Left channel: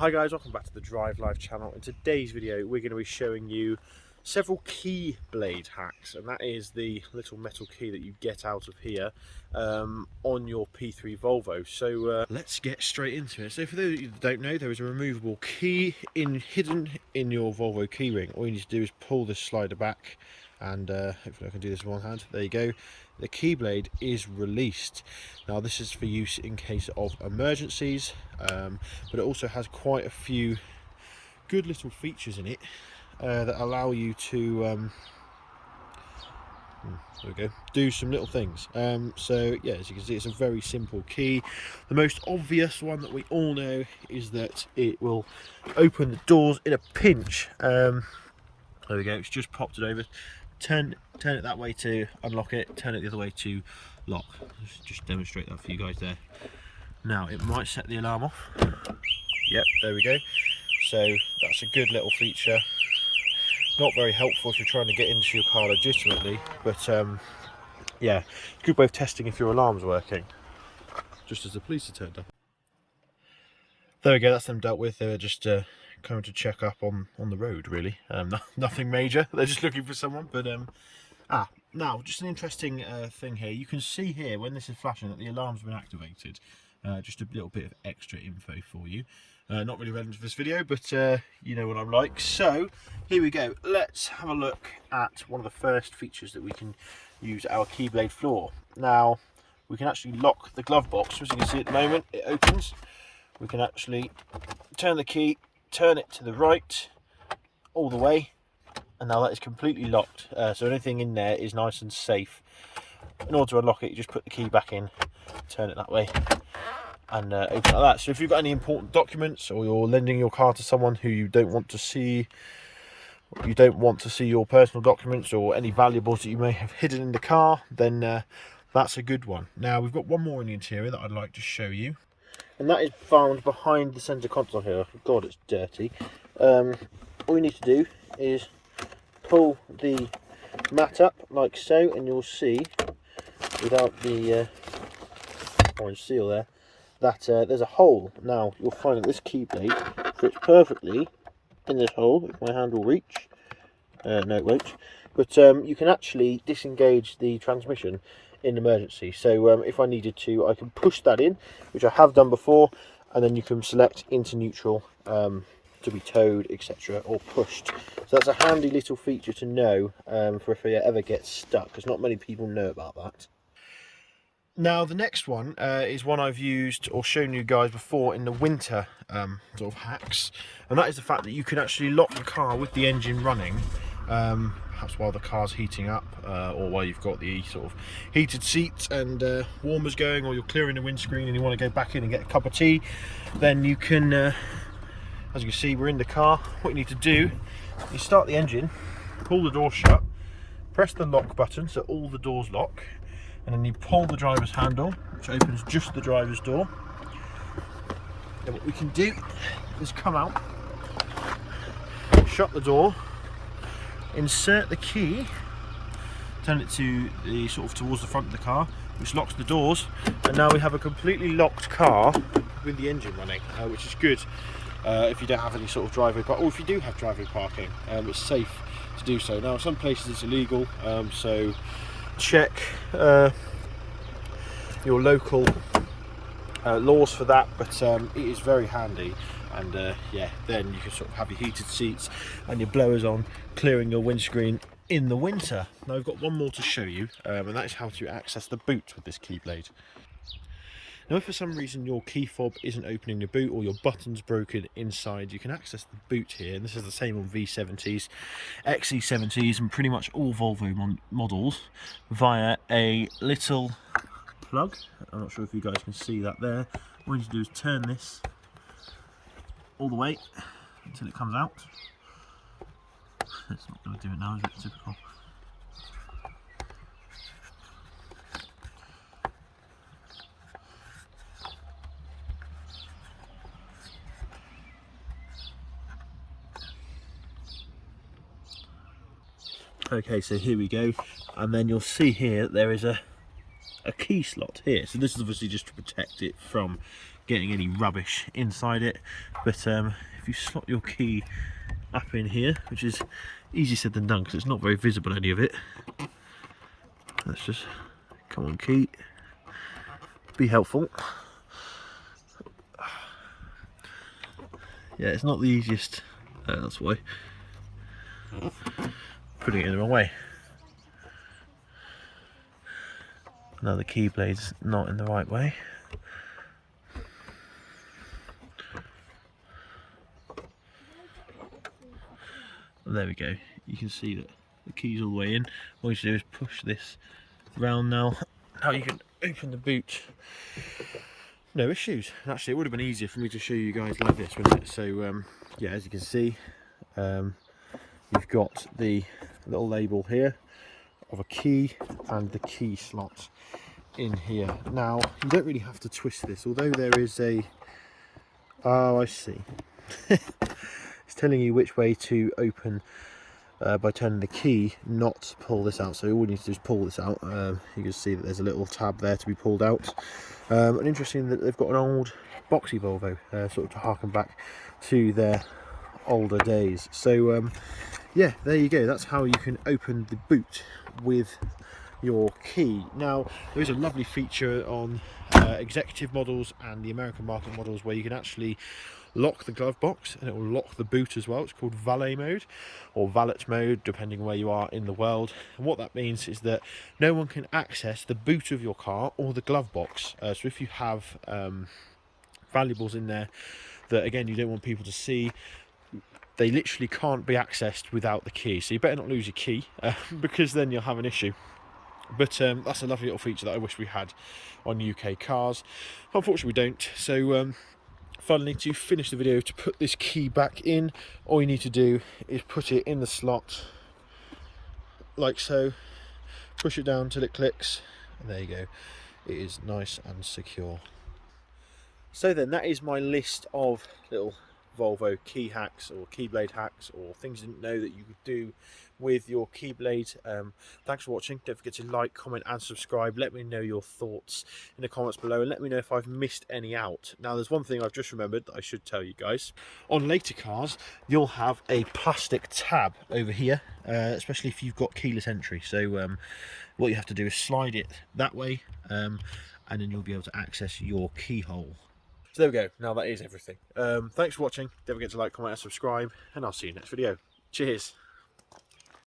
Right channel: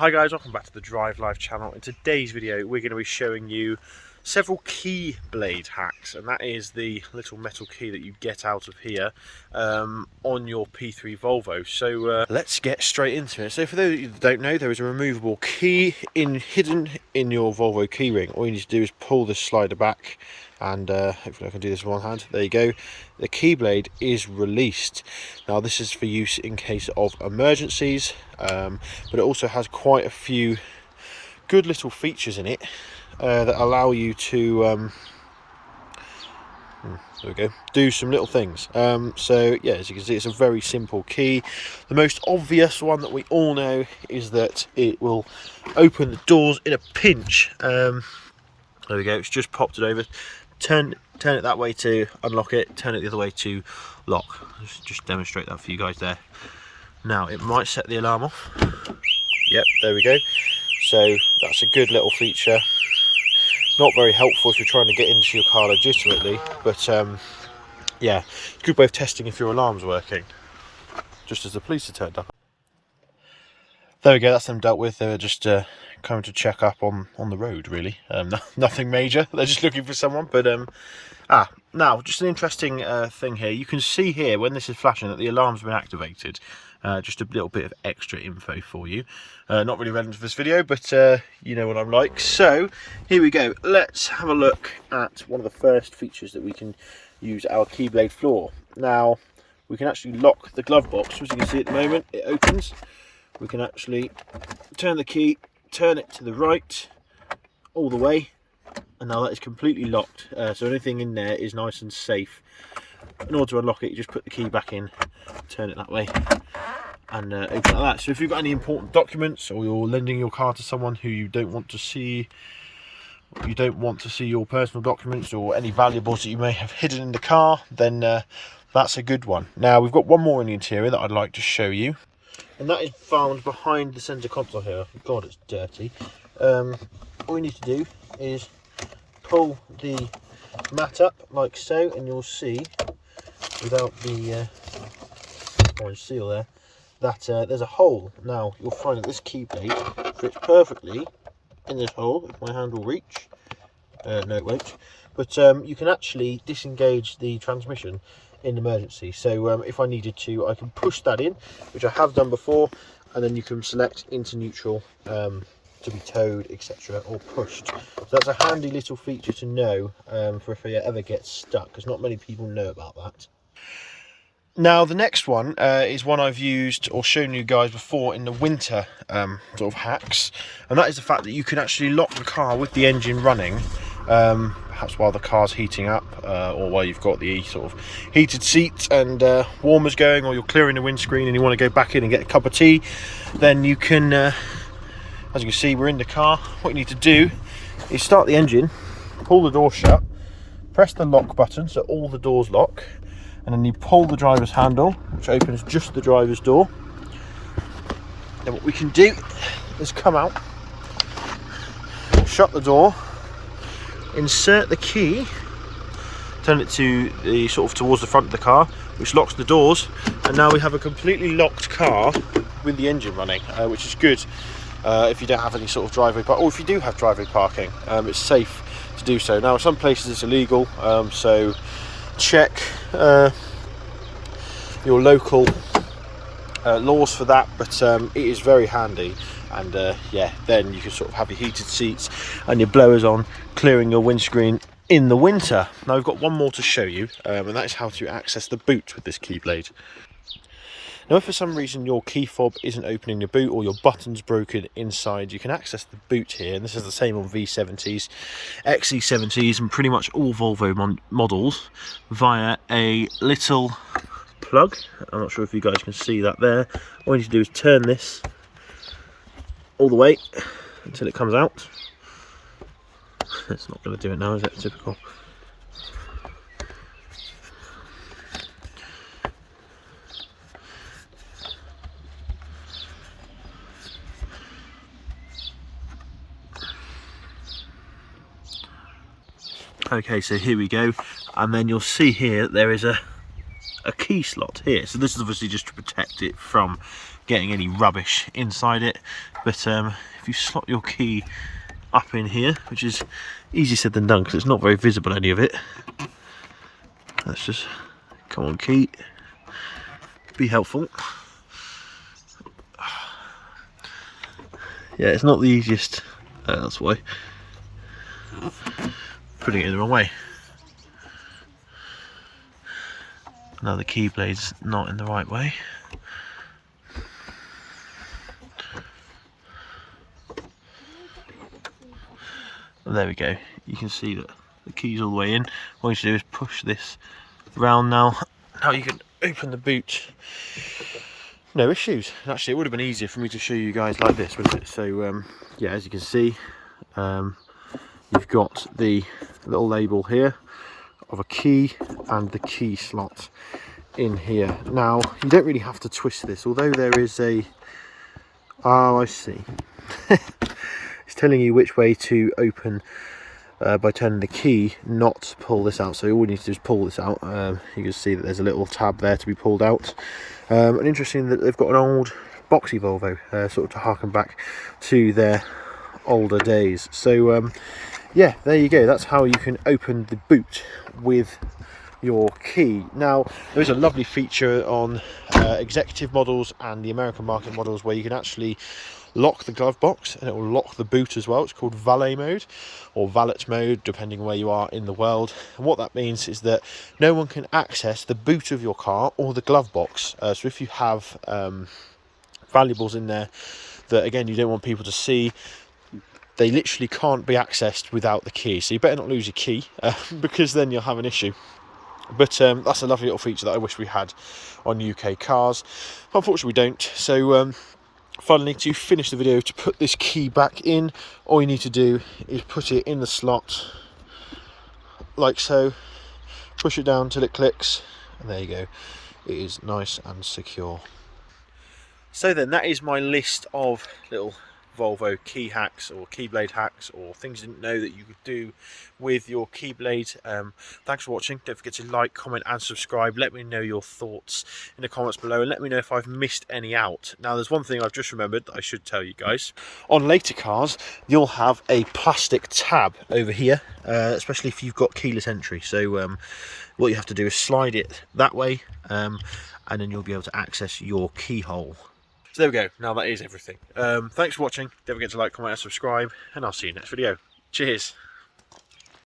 Hi guys, welcome back to the Drive Life channel. In today's video we're going to be showing you several Keyblade hacks, and that is the little metal key that you get out of here on your P3 Volvo. So let's get straight into it. So for those of you that don't know, there is a removable key hidden in your Volvo keyring. All you need to do is pull this slider back, and hopefully I can do this with one hand. There you go. The Keyblade is released. Now this is for use in case of emergencies, but it also has quite a few good little features in it that allow you to there we go, do some little things. So yeah, as you can see, it's a very simple key. The most obvious one that we all know is that it will open the doors in a pinch. There we go, it's just popped it over. Turn it that way to unlock it, turn it the other way to lock. Just demonstrate that for you guys there. Now it might set the alarm off. Yep, there we go. So that's a good little feature. Not very helpful if you're trying to get into your car legitimately, but yeah, good way of testing if your alarm's working. Just as the police are turned up. There we go, that's them dealt with. They were just coming to check up on the road, really. Nothing major, they're just looking for someone. But now just an interesting thing here. You can see here when this is flashing that the alarm's been activated. Just a little bit of extra info for you. Not really relevant to this video, but you know what I'm like. So here we go, let's have a look at one of the first features that we can use our Keyblade floor. Now we can actually lock the glove box. As you can see at the moment, it opens. We can actually turn the key, turn it to the right all the way, and now that is completely locked. So anything in there is nice and safe. In order to unlock it, you just put the key back in, turn it that way, and open like that. So if you've got any important documents, or you're lending your car to someone who you don't want to see, your personal documents or any valuables that you may have hidden in the car, then that's a good one. Now we've got one more in the interior that I'd like to show you, and that is found behind the centre console here. God, it's dirty. All you need to do is pull the mat up like so, and you'll see, without the orange seal there, that there's a hole. Now you'll find that this Keyblade fits perfectly in this hole. If my hand will reach, no it won't, but you can actually disengage the transmission in emergency. So if I needed to, I can push that in, which I have done before, and then you can select into neutral to be towed, etc., or pushed. So that's a handy little feature to know for if it ever gets stuck, because not many people know about that. Now the next one is one I've used or shown you guys before in the winter sort of hacks, and that is the fact that you can actually lock the car with the engine running, perhaps while the car's heating up, or while you've got the sort of heated seats and warmers going, or you're clearing the windscreen and you want to go back in and get a cup of tea. Then you can, as you can see, we're in the car. What you need to do is start the engine, pull the door shut, press the lock button so all the doors lock, and then you pull the driver's handle, which opens just the driver's door. Then what we can do is come out, shut the door, insert the key, turn it to the sort of towards the front of the car, which locks the doors, and now we have a completely locked car with the engine running, which is good if you don't have any sort of driveway park, or if you do have driveway parking, it's safe to do so. Now in some places it's illegal, so check your local laws for that, but it is very handy. And yeah, then you can sort of have your heated seats and your blowers on, clearing your windscreen in the winter. Now we've got one more to show you, and that is how to access the boot with this Keyblade. Now if for some reason your key fob isn't opening the boot, or your button's broken inside, you can access the boot here, and this is the same on V70s, XC70s, and pretty much all Volvo models, via a little plug. I'm not sure if you guys can see that there. All you need to do is turn this all the way until it comes out. It's not going to do it now, is it? Typical. Okay, so here we go, and then you'll see here there is a key slot here. So this is obviously just to protect it from getting any rubbish inside it. But if you slot your key up in here, which is easier said than done because it's not very visible, any of it. Let's just, come on key, be helpful. Yeah, it's not the easiest, that's why. Putting it in the wrong way. Now the keyblade's not in the right way. And there we go. You can see that the key's all the way in. What you should do is push this round now. Now you can open the boot. No issues. Actually, it would have been easier for me to show you guys like this, wouldn't it? So yeah, as you can see, you've got the little label here of a key and the key slot in here. Now you don't really have to twist this, although there is a, oh I see, it's telling you which way to open by turning the key, not to pull this out. So all you need to do is pull this out. You can see that there's a little tab there to be pulled out. And interesting that they've got an old boxy Volvo, sort of to harken back to their older days. So yeah, there you go. That's how you can open the boot with your key. Now there is a lovely feature on executive models and the American market models where you can actually lock the glove box and it will lock the boot as well. It's called Valet Mode or Valet Mode, depending where you are in the world. And what that means is that no one can access the boot of your car or the glove box. So if you have valuables in there that, again, you don't want people to see, they literally can't be accessed without the key. So you better not lose your key because then you'll have an issue. But that's a lovely little feature that I wish we had on UK cars. Unfortunately we don't. So finally, to finish the video, to put this key back in, all you need to do is put it in the slot like so, push it down till it clicks, and there you go, it is nice and secure. So then, that is my list of little Volvo key hacks or Keyblade hacks or things you didn't know that you could do with your Keyblade. Thanks for watching. Don't forget to like, comment and subscribe. Let me know your thoughts in the comments below and let me know if I've missed any out. Now there's one thing I've just remembered that I should tell you guys. On later cars you'll have a plastic tab over here, especially if you've got keyless entry. So what you have to do is slide it that way and then you'll be able to access your keyhole. So there we go, now that is everything. Thanks for watching, don't forget to like, comment and subscribe, and I'll see you next video. Cheers!